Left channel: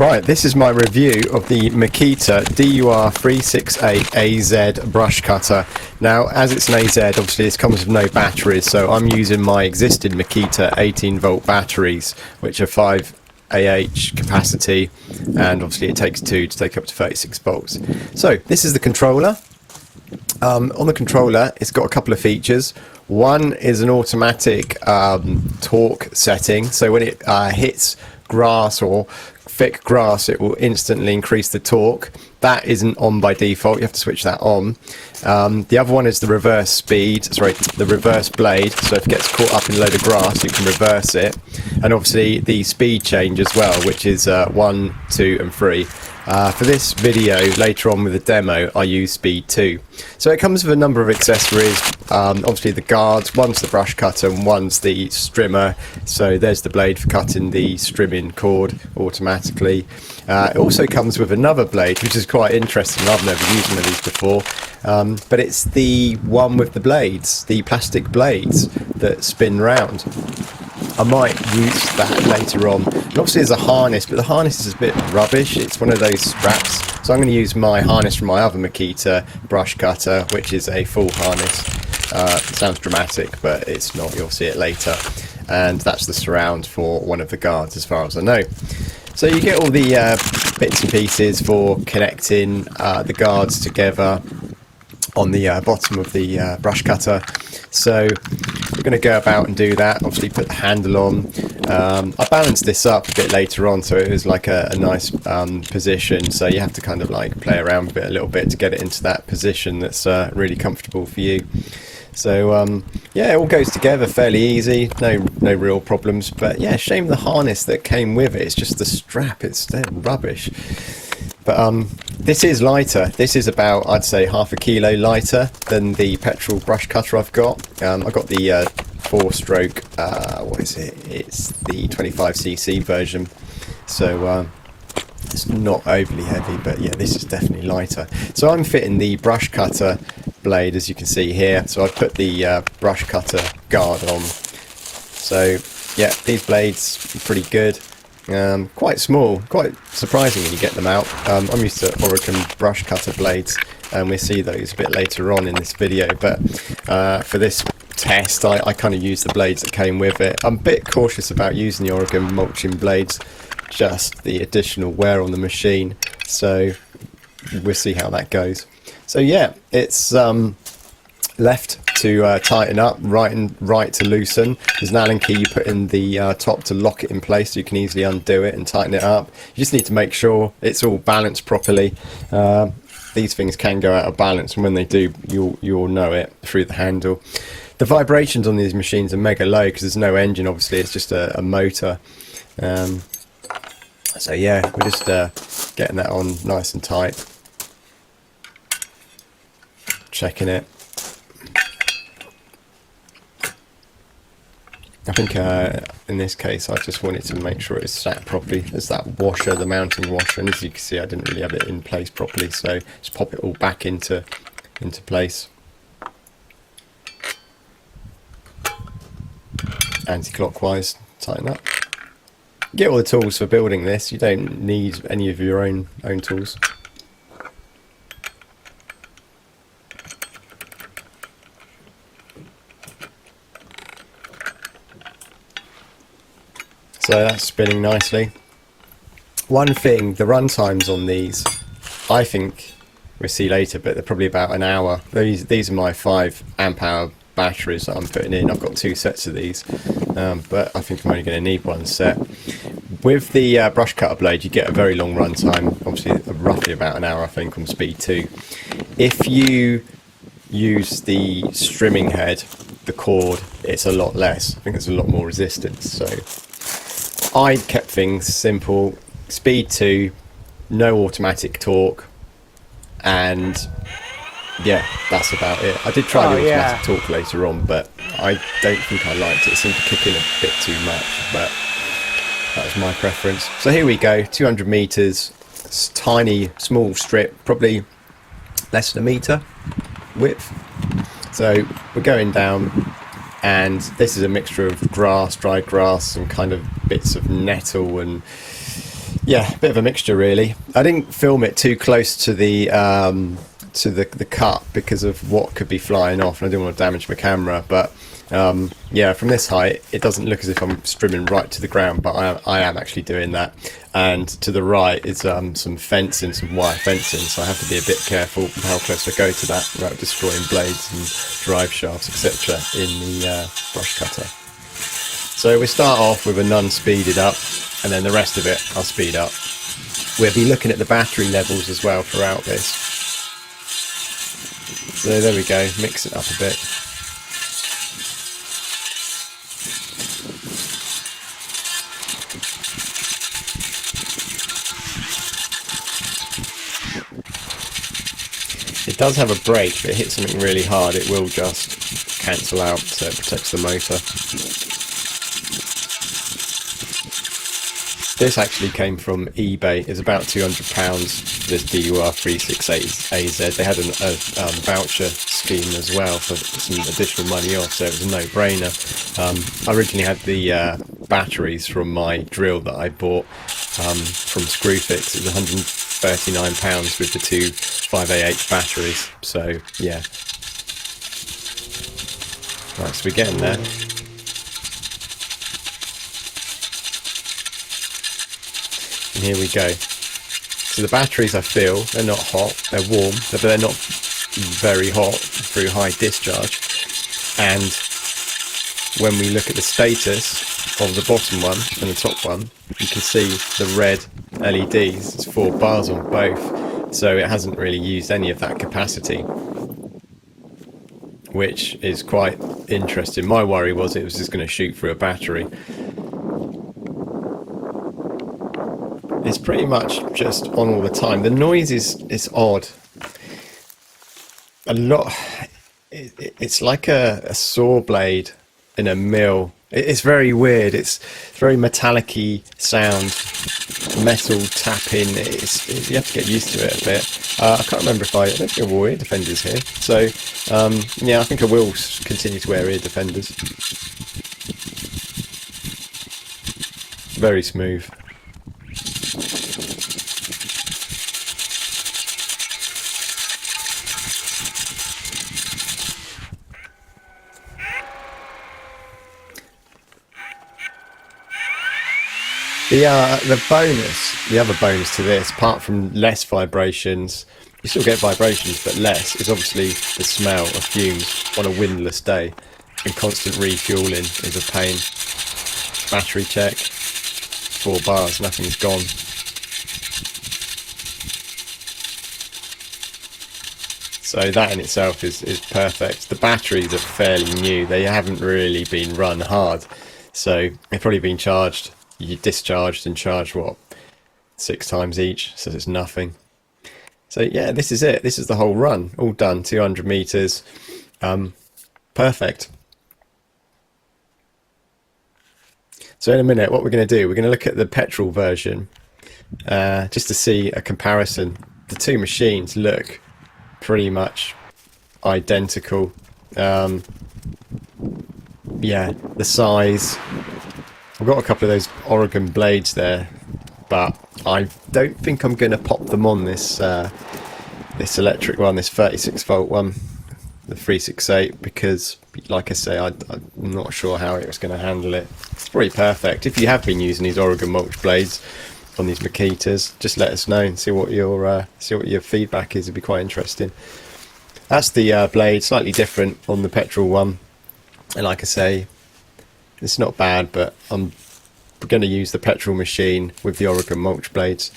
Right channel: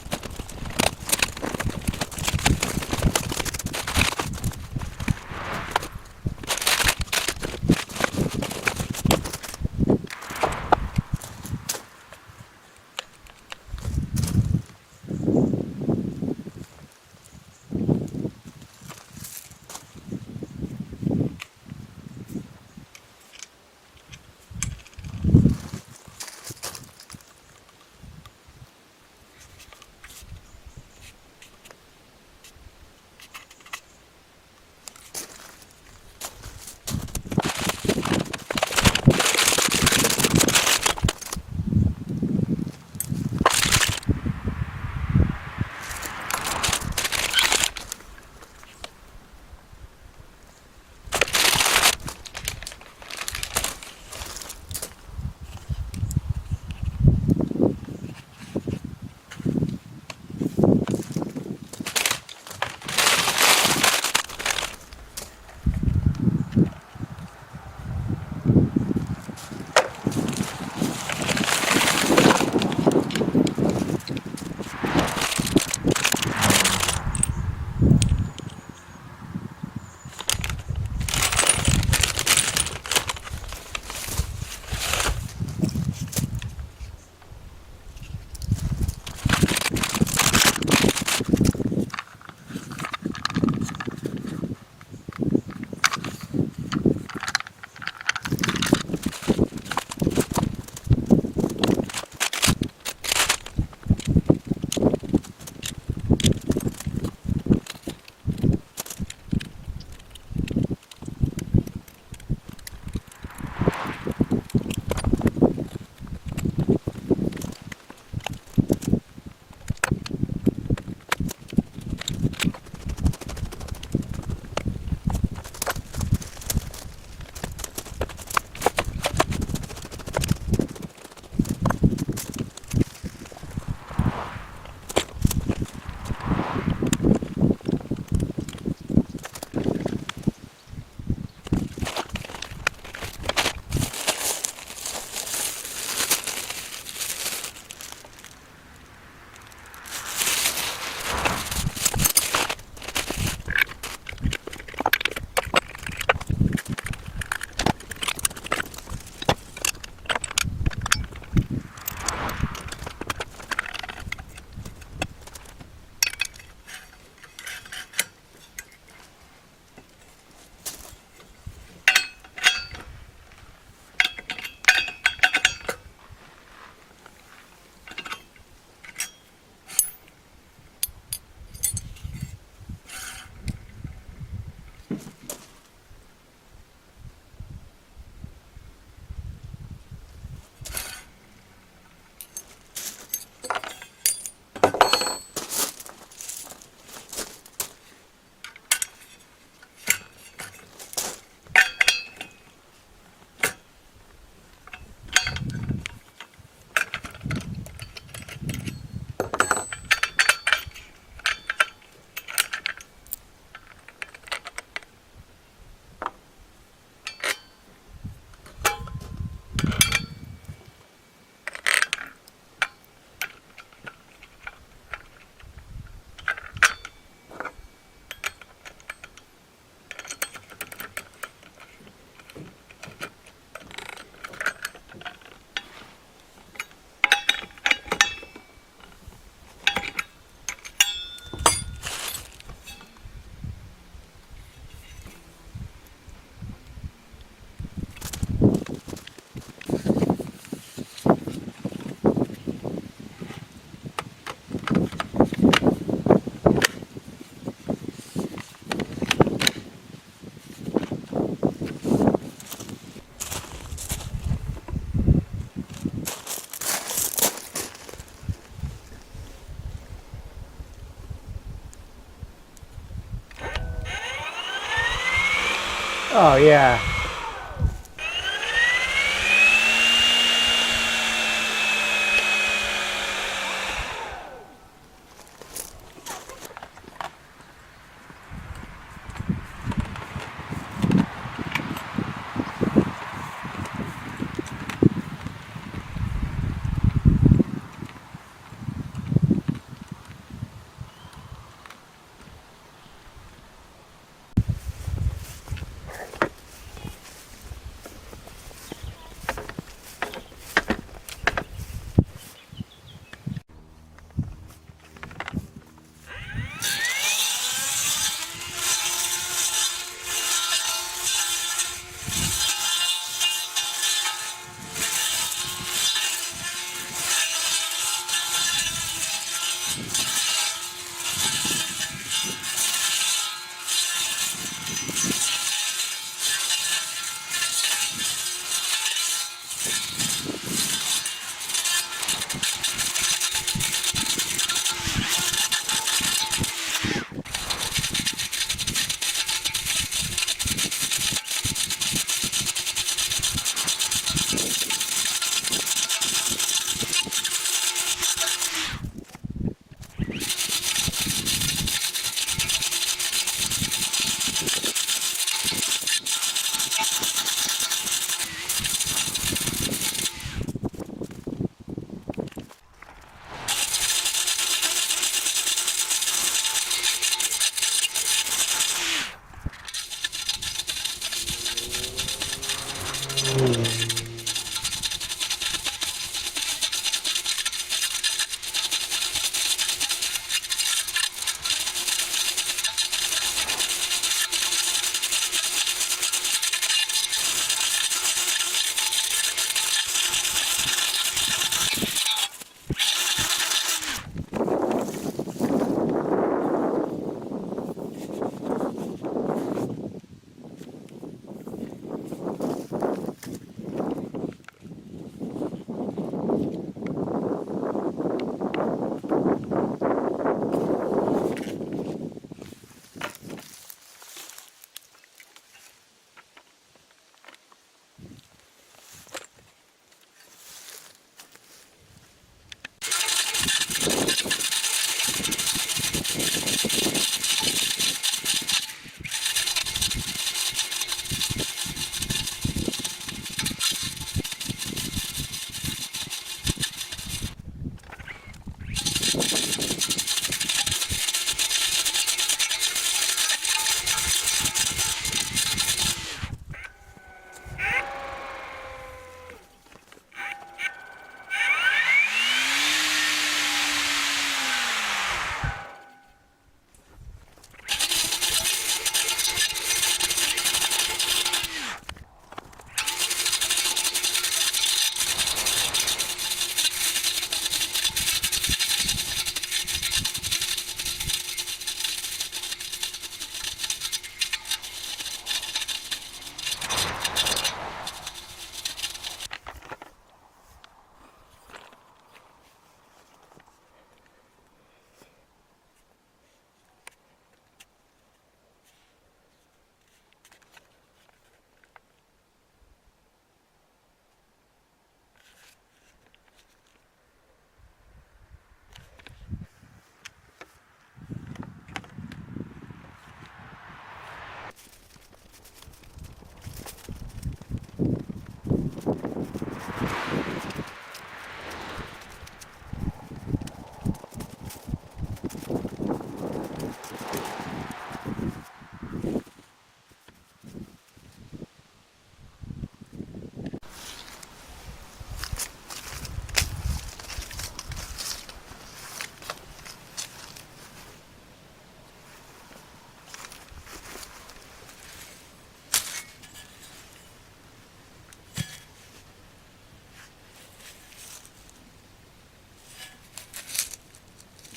Right, this is my review of the Makita DUR368AZ Brushcutter. Now, as it's an AZ, obviously this comes with no batteries, so I'm using my existing Makita 18V batteries, which are 5 AH capacity, and obviously it takes 2 to take up to 36 volts. So, this is the controller. On the controller, it's got a couple of features. One is an automatic torque setting, so when it hits grass or thick grass, it will instantly increase the torque. That isn't on by default, you have to switch that on. The other one is the reverse blade, so if it gets caught up in a load of grass, you can reverse it. And obviously the speed change as well, which is 1, 2 and 3. For this video, later on with the demo, I use speed 2. So it comes with a number of accessories, obviously the guards, one's the brush cutter and one's the strimmer. So there's the blade for cutting the strimming cord automatically. It also comes with another blade, which is quite interesting. I've never used one of these before, but it's the one with the blades, the plastic blades that spin round. I might use that later on. Obviously there's a harness, but the harness is a bit rubbish. It's one of those straps. So I'm going to use my harness from my other Makita brush cutter, which is a full harness. Sounds dramatic, but it's not. You'll see it later. And that's the surround for one of the guards, as far as I know. So you get all the bits and pieces for connecting the guards together on the bottom of the brush cutter. So we're going to go about and do that. Obviously put the handle on. I balanced this up a bit later on, so it was like a nice position. So you have to kind of like play around with it a little bit to get it into that position that's really comfortable for you. So yeah, it all goes together fairly easy, no real problems. But yeah, shame the harness that came with it. It's just the strap, it's rubbish. But this is lighter. This is about, I'd say, ½ kilo lighter than the petrol brush cutter I've got. I've got the 4-stroke, what is it? It's the 25cc version. So it's not overly heavy, but yeah, this is definitely lighter. So I'm fitting the brush cutter blade, as you can see here. So I've put the brush cutter guard on. So yeah, these blades are pretty good. Quite small, quite surprising when you get them out. I'm used to Oregon brush cutter blades, and we'll see those a bit later on in this video, but for this test I kind of used the blades that came with it. I'm a bit cautious about using the Oregon mulching blades, just the additional wear on the machine, so we'll see how that goes. So yeah, it's left to tighten up, right to loosen. There's an Allen key you put in the top to lock it in place, so you can easily undo it and tighten it up. You just need to make sure it's all balanced properly. These things can go out of balance, and when they do, you'll know it through the handle. The vibrations on these machines are mega low because there's no engine, obviously, it's just a motor. So yeah, we're just getting that on nice and tight. Checking it. I think in this case I just wanted to make sure it's sat properly. There's that washer, the mounting washer, and as you can see I didn't really have it in place properly, so just pop it all back into place. Anti-clockwise, tighten up. Get all the tools for building this, you don't need any of your own tools. So that's spinning nicely. One thing, the run times on these, I think we'll see later, but they're probably about an hour. These are my 5 amp hour batteries that I'm putting in. I've got 2 sets of these, but I think I'm only going to need 1 set. With the brush cutter blade, you get a very long run time, obviously roughly about an hour I think on speed 2. If you use the strimming head, the cord, it's a lot less. I think there's a lot more resistance. So I kept things simple, speed 2, no automatic torque, and yeah, that's about it. I did try the automatic torque later on, but I don't think I liked it. It seemed to kick in a bit too much, but that was my preference. So here we go, 200 meters, tiny, small strip, probably less than a meter width. So we're going down, and this is a mixture of grass, dried grass, some kind of bits of nettle, and Yeah, a bit of a mixture really. I didn't film it too close to the cut because of what could be flying off, and I didn't want to damage my camera. But yeah, from this height, it doesn't look as if I'm strimming right to the ground, but I am actually doing that. And to the right is some fencing, some wire fencing, so I have to be a bit careful how close I go to that without destroying blades and drive shafts, etc. in the brush cutter. So we start off with a none speeded up, and then the rest of it I'll speed up. We'll be looking at the battery levels as well throughout this. So there we go, mix it up a bit. It does have a brake, but it hits something really hard, it will just cancel out, so it protects the motor. This actually came from eBay. It's about £200, the DUR368AZ. They had a voucher scheme as well for some additional money off, so it was a no-brainer. I originally had the batteries from my drill that I bought from Screwfix. It was £139 with the two 5Ah batteries, so yeah. Right, so we're getting there. And here we go. So the batteries, I feel, they're not hot, they're warm, but they're not very hot through high discharge. And when we look at the status of the bottom one and the top one, you can see the red LEDs. It's 4 bars on both, so it hasn't really used any of that capacity, which is quite interesting. My worry was it was just going to shoot through a battery. It's pretty much just on all the time. The noise is odd. A lot. It's like a saw blade in a mill. It's very weird. It's very metallic-y sound, metal tapping. You have to get used to it a bit. I can't remember if I don't think I wore ear defenders here. So yeah, I think I will continue to wear ear defenders. Very smooth. The other bonus to this, apart from less vibrations, you still get vibrations but less, is obviously the smell of fumes on a windless day, and constant refueling is a pain. Battery check, 4 bars, nothing's gone. So that in itself is perfect. The batteries are fairly new, they haven't really been run hard, so they've probably been charged. You discharged and charged, what, 6 times each, so it's nothing. So yeah, this is it. This is the whole run, all done, 200 meters. Perfect. So in a minute, what we're going to do, we're going to look at the petrol version, just to see a comparison. The two machines look pretty much identical. Yeah, the size. I've got a couple of those Oregon blades there, but I don't think I'm going to pop them on this this electric one, this 36 volt one, the 368, because like I say, I'm not sure how it was going to handle it. It's pretty perfect. If you have been using these Oregon Mulch blades on these Makitas, just let us know and see what your feedback is. It'd be quite interesting. That's the blade, slightly different on the petrol one, and like I say, it's not bad, but I'm going to use the petrol machine with the Oregon Mulch blades.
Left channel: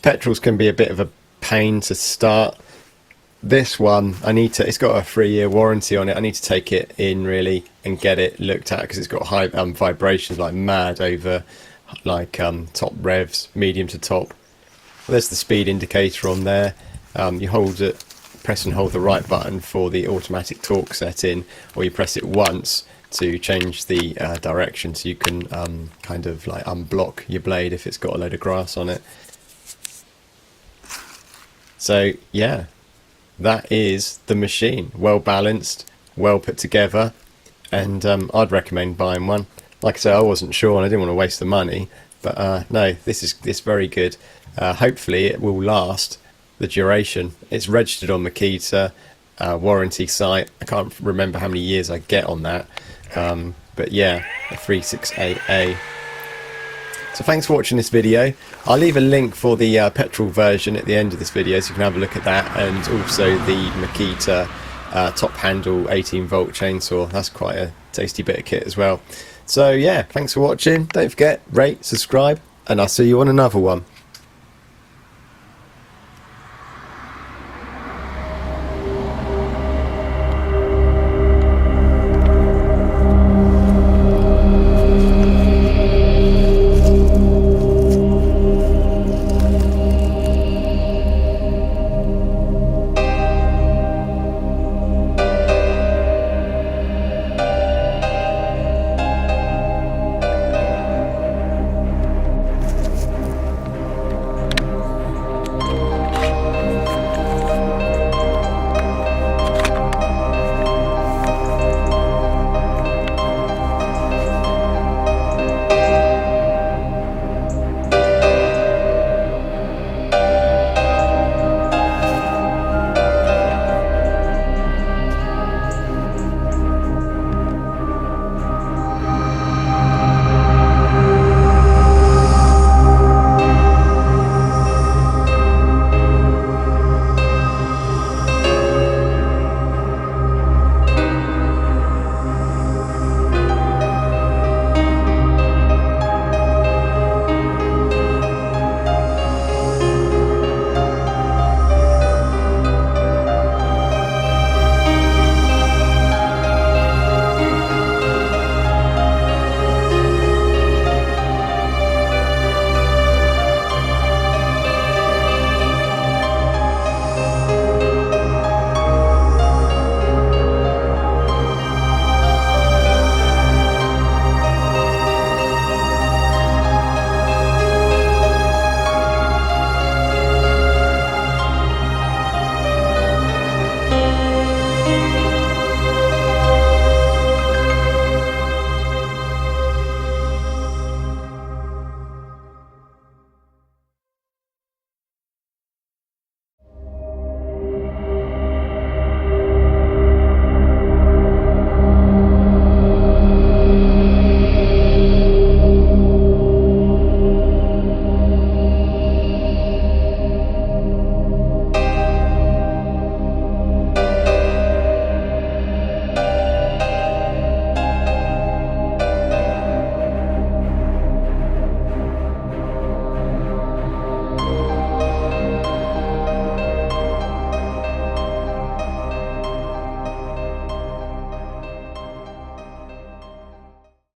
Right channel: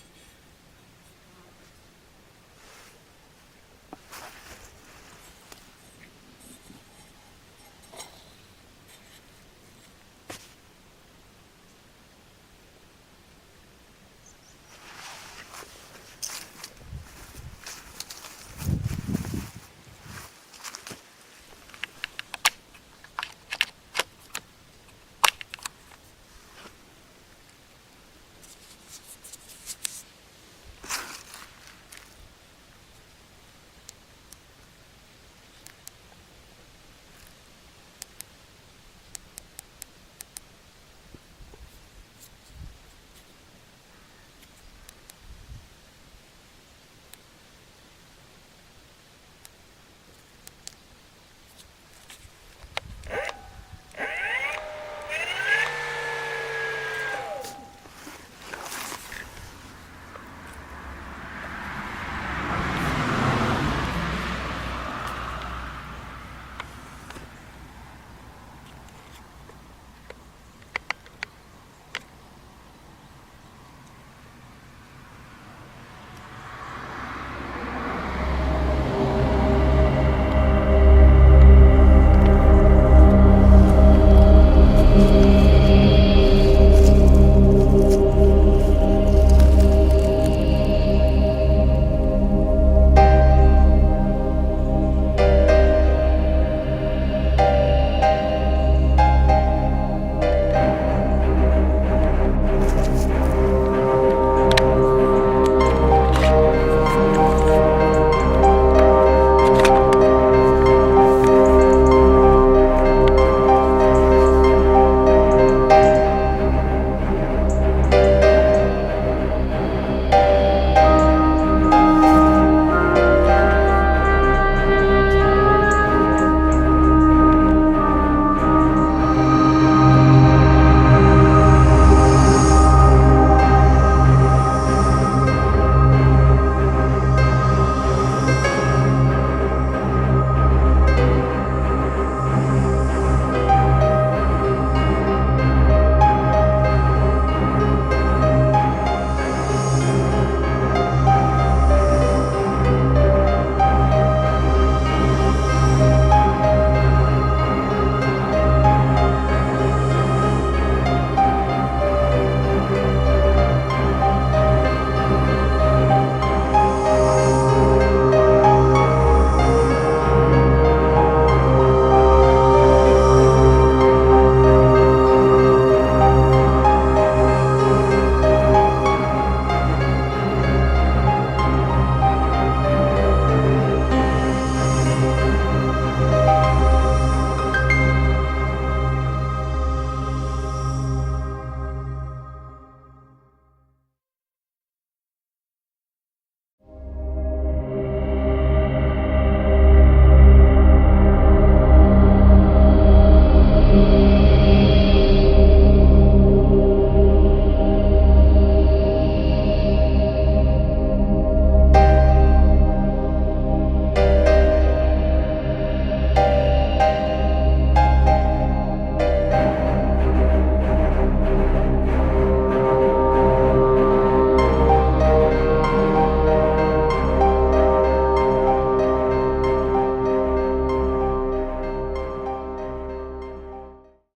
Petrols can be a bit of a pain to start. This one, it's got a 3-year warranty on it. I need to take it in really and get it looked at, because it's got high vibrations like mad over like top revs, medium to top. There's the speed indicator on there. You hold it, press and hold the right button for the automatic torque setting, or you press it once to change the direction, so you can kind of like unblock your blade if it's got a load of grass on it. So yeah, that is the machine. Well balanced, well put together, and I'd recommend buying one. like I said, I wasn't sure and I didn't want to waste the money, but no, this is very good. Hopefully it will last the duration. It's registered on Makita, warranty site. I can't remember how many years I get on that, but yeah, the 368A. So thanks for watching this video. I'll leave a link for the petrol version at the end of this video so you can have a look at that, and also the Makita top handle 18V chainsaw. That's quite a tasty bit of kit as well. So yeah, thanks for watching. Don't forget, rate, subscribe, and I'll see you on another one.